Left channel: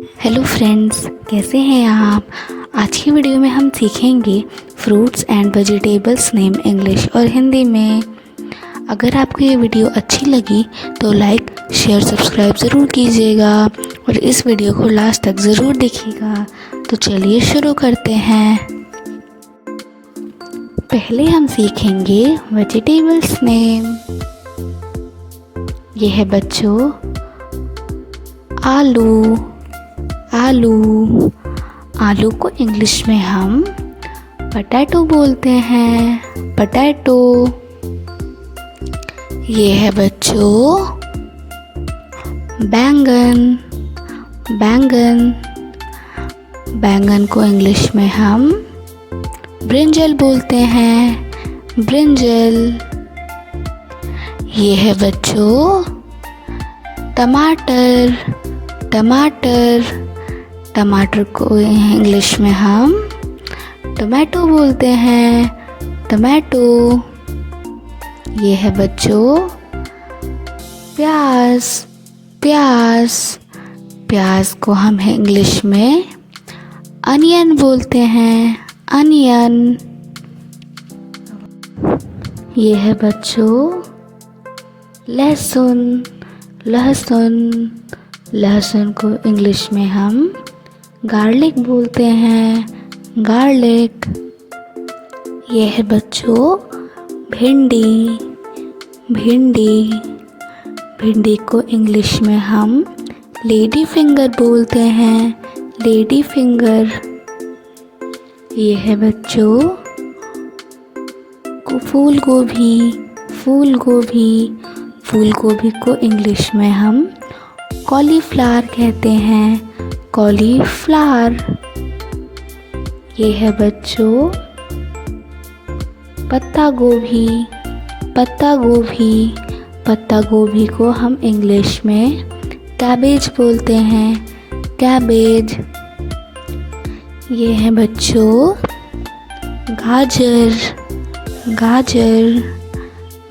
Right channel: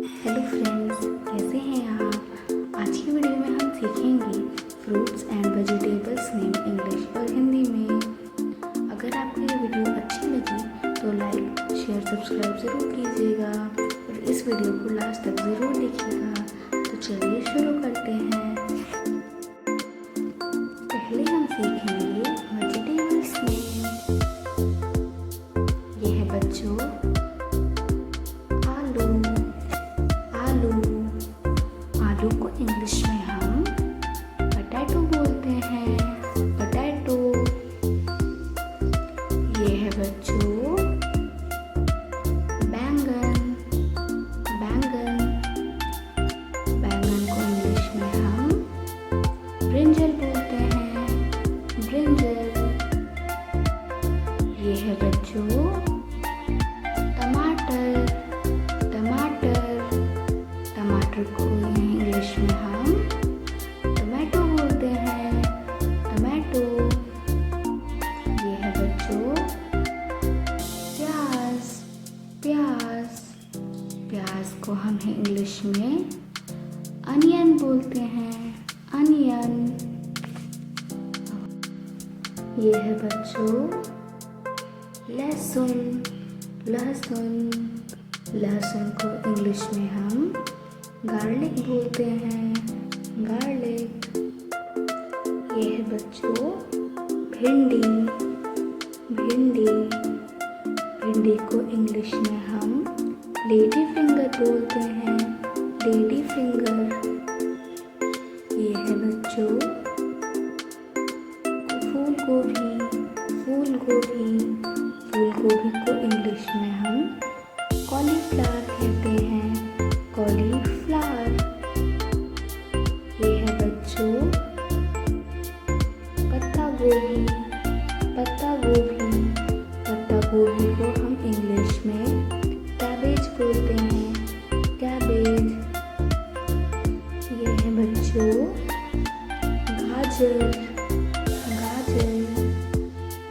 Hello friends, कैसे हैं आप। आज की वीडियो में हम सीखेंगे fruits and vegetables name English और हिंदी में। अगर आपको ये वीडियो अच्छी लगी तो लाइक शेयर सब्सक्राइब ज़रूर कीजिएगा और इस वीडियो को लास्ट तक ज़रूर देखिएगा। तो चलिए शुरू करते हैं। पहले हम सीखेंगे वेजिटेबल्स नेम। ये है बच्चों आलू। आलू को इंग्लिश में हम पोटैटो बोलते हैं, पोटैटो। ये है बच्चों बैंगन को इंग्लिश में हम ब्रिंजल बोलते हैं, ब्रिंजल। ये है बच्चों टमाटर को इंग्लिश में हम टोमेटो बोलते हैं, टोमेटो। ये है बच्चों प्याज को हम इंग्लिश में अनियन बोलते हैं, अनियन। ये है बच्चों लहसुन को इंग्लिश में हम गार्लिक बोलते हैं, गार्लिक। ये है बच्चों भिंडी को इंग्लिश में हम लेडी फिंगर बोलते हैं, लेडी फिंगर। ये है बच्चों फूल गोभी को इंग्लिश में हम कॉलीफ्लावर कहते हैं, कॉलीफ्लावर। ये है बच्चों पत्ता गोभी को हम इंग्लिश में कैबेज बोलते हैं, कैबेज। ये है बच्चों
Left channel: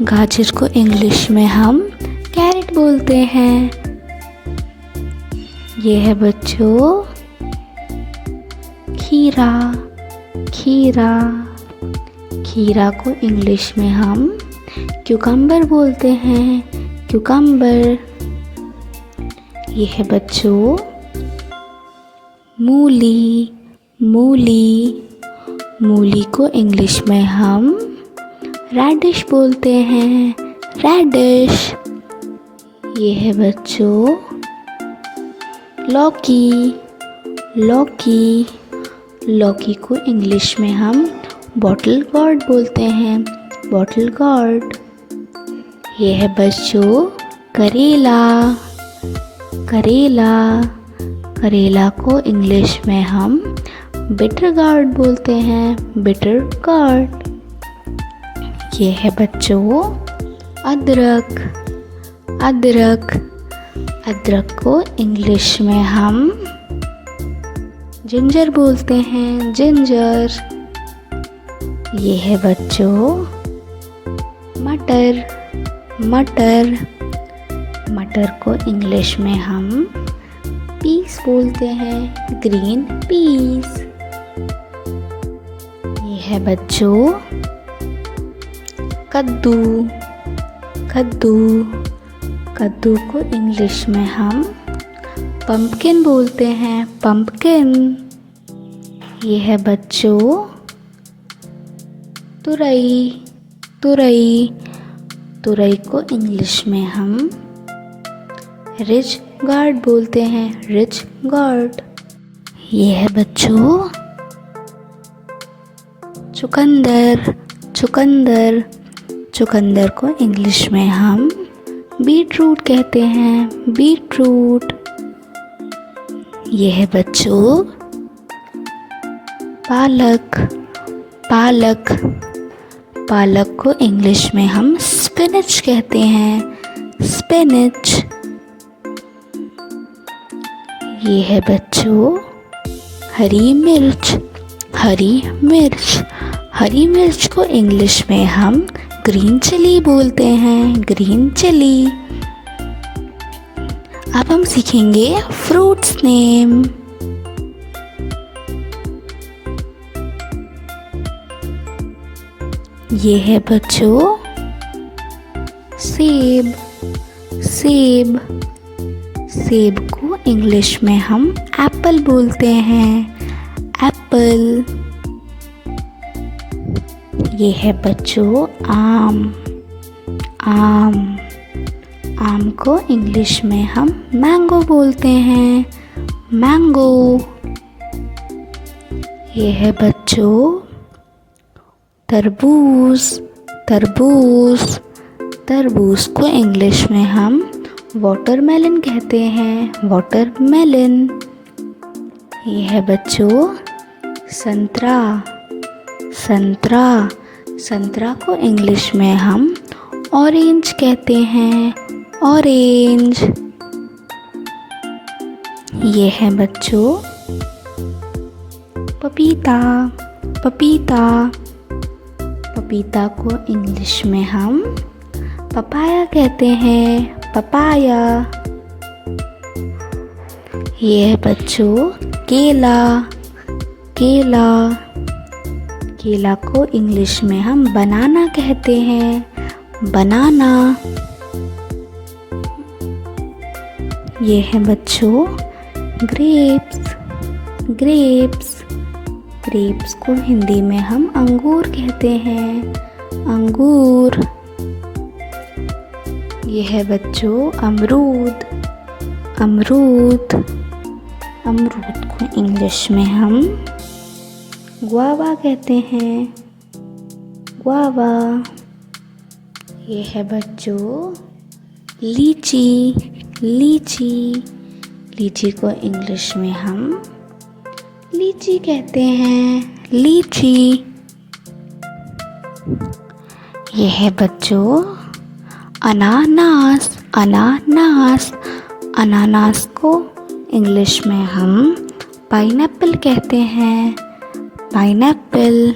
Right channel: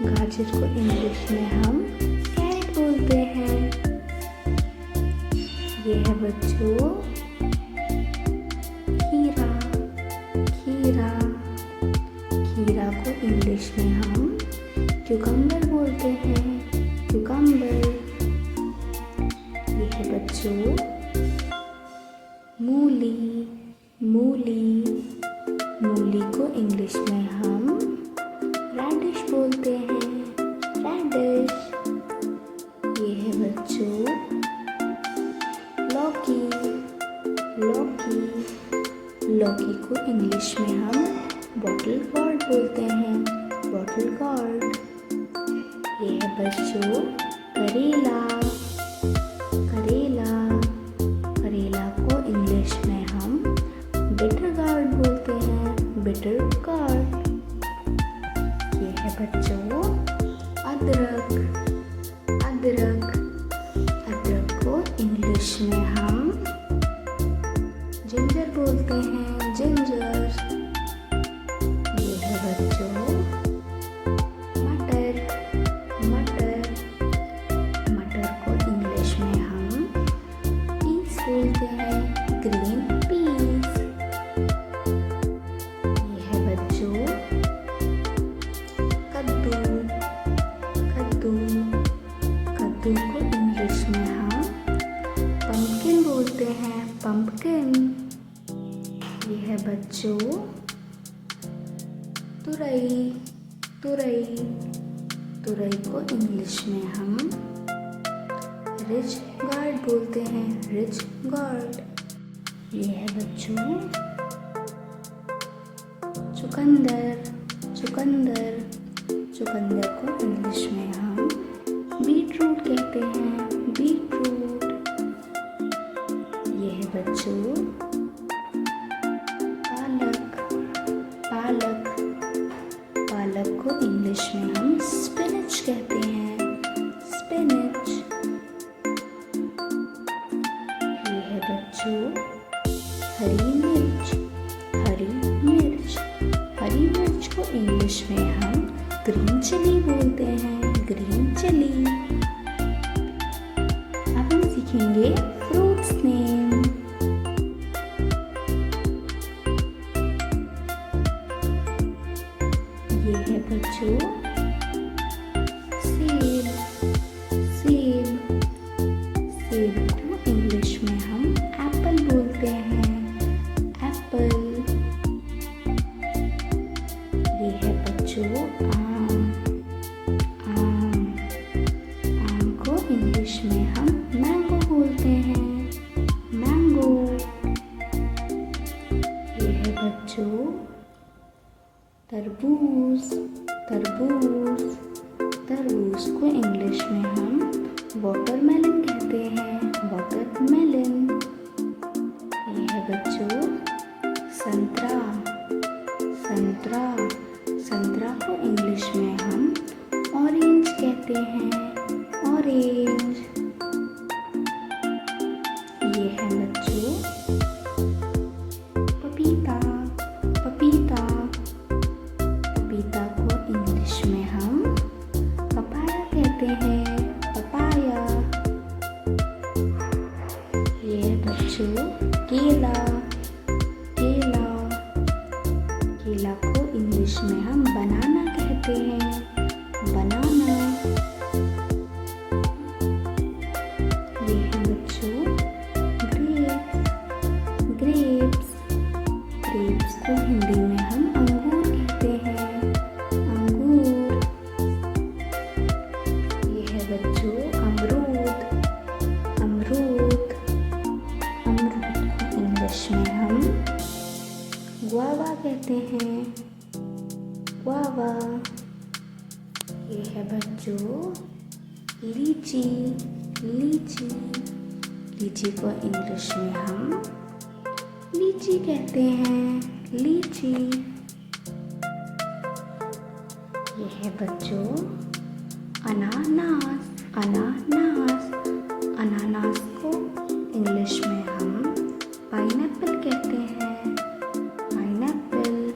गाजर को इंग्लिश में हम कैरेट बोलते हैं। ये है बच्चों खीरा को इंग्लिश में हम क्यूकम्बर बोलते हैं, क्यूकम्बर। ये है बच्चों मूली को इंग्लिश में हम रेडिश बोलते हैं, रेडिश। ये है बच्चों लौकी को इंग्लिश में हम बॉटल गॉर्ड बोलते हैं, बॉटल गॉर्ड। ये है बच्चों करेला को इंग्लिश में हम बिटर गार्ड बोलते हैं, बिटर गार्ड। ये है बच्चों अदरक को इंग्लिश में हम जिंजर बोलते हैं, जिंजर। ये है बच्चों मटर को इंग्लिश में हम पीस बोलते हैं, ग्रीन पीस। ये है बच्चों कद्दू को इंग्लिश में हम पंपकिन बोलते हैं, पंपकिन। ये है बच्चों तुरई को इंग्लिश में हम रिच गार्ड बोलते हैं, रिच गार्ड। ये है बच्चों चुकंदर को इंग्लिश में हम बीटरूट कहते हैं, बीटरूट। ये है बच्चों पालक को इंग्लिश में हम स्पिनच कहते हैं, स्पिनच। ये है बच्चों हरी मिर्च को इंग्लिश में हम ग्रीन चिली बोलते हैं, ग्रीन चिली। अब हम सीखेंगे फ्रूट्स नेम। ये है बच्चों सेब। सेब सेब को इंग्लिश में हम एप्पल बोलते हैं। एप्पल। ये है बच्चों आम। आम आम को इंग्लिश में हम मैंगो बोलते हैं। मैंगो। ये है बच्चों तरबूज। तरबूज तरबूज को इंग्लिश में हम वाटरमेलन कहते हैं। वाटरमेलन। ये है बच्चों संतरा। संतरा संतरा को इंग्लिश में हम ऑरेंज कहते हैं। ऑरेंज। ये है बच्चों पपीता। पपीता पपीता को इंग्लिश में हम पपाया कहते हैं। पपाया। ये है बच्चों केला। केला केला को इंग्लिश में हम बनाना कहते हैं। बनाना। ये है बच्चों ग्रेप्स। ग्रेप्स ग्रेप्स को हिंदी में हम अंगूर कहते हैं। अंगूर। ये है बच्चों अमरूद। अमरूद अमरूद को इंग्लिश में हम गुआवा कहते हैं। गुआवा। ये है बच्चों लीची। लीची लीची को इंग्लिश में हम लीची कहते हैं। लीची। ये है बच्चों अनानास। अनानास अनानास को इंग्लिश में हम पाइनएप्पल कहते हैं। पाइनएप्पल।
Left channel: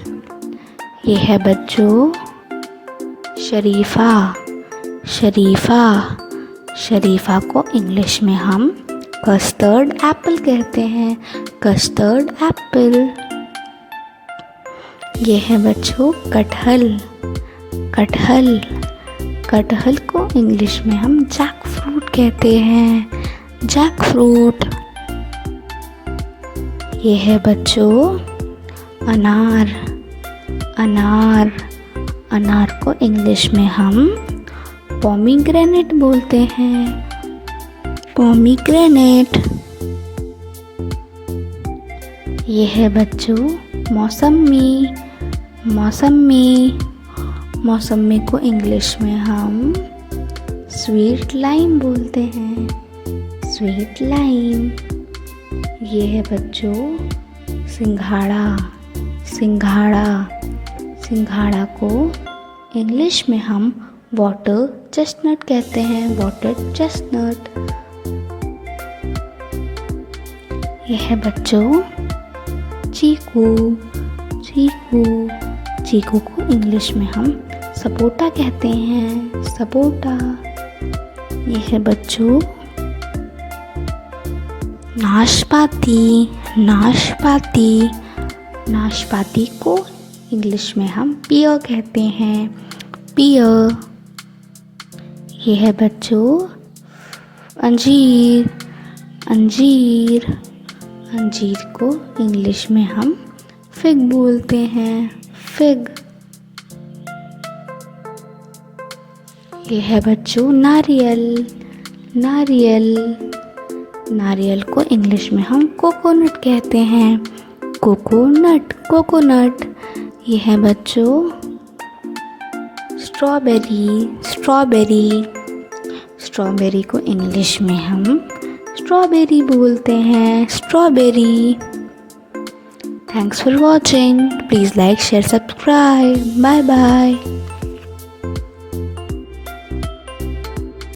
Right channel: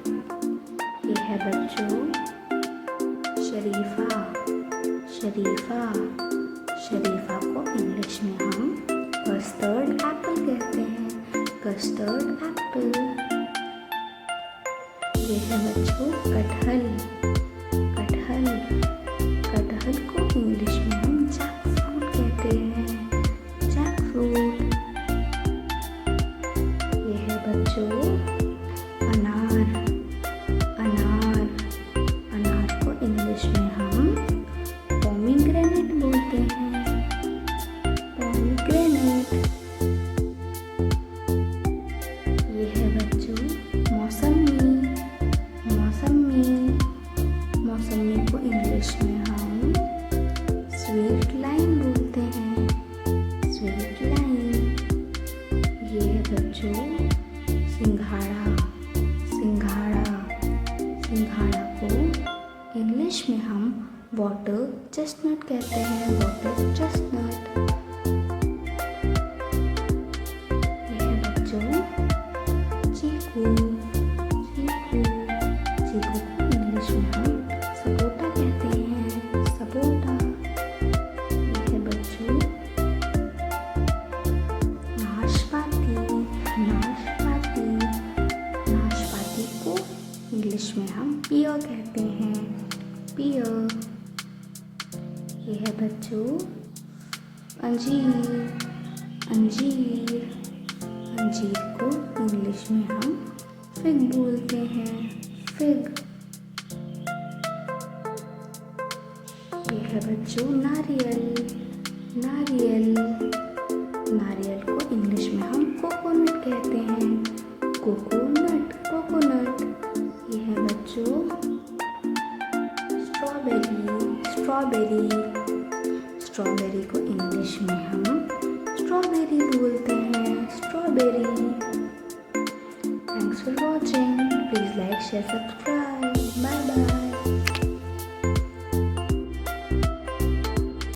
ये है बच्चों शरीफा। शरीफा शरीफा को इंग्लिश में हम कस्टर्ड एप्पल कहते हैं। Custard Apple. ये है बच्चों कटहल। कटहल कटहल को इंग्लिश में हम जैक फ्रूट कहते हैं। Jackfruit. ये है बच्चों अनार। अनार अनार को इंग्लिश में हम पोमीग्रेनेट बोलते हैं। पोमीग्रेनेट। ये है बच्चों मौसमी। मौसमी मौसमी को इंग्लिश में हम स्वीट लाइम बोलते हैं। Sweet lime. ये है बच्चों सिंघाड़ा। सिंघाड़ा सिंघाड़ा को इंग्लिश में हम वाटर चेस्टनट कहते हैं। Water chestnut. यह है बच्चों चीकू। चीकू चीकू को इंग्लिश में हम सपोटा कहते हैं। सपोटा। यह है बच्चों नाशपाती। नाशपाती नाशपाती को इंग्लिश में हम पियर कहते हैं। पियर। यह है बच्चों अंजीर। अंजीर अंजीर को इंग्लिश में हम फिग बोलते हैं। फिग। यह है बच्चों नारियल। नारियल नारियल को इंग्लिश में हम कोकोनट कहते हैं। कोकोनट। कोकोनट। यह है बच्चों स्ट्रॉबेरी। स्ट्रॉबेरी स्ट्रॉबेरी को इंग्लिश में हम स्ट्रॉबेरी बोलते हैं। Strawberry. Thanks for watching. Please like share subscribe. Bye bye.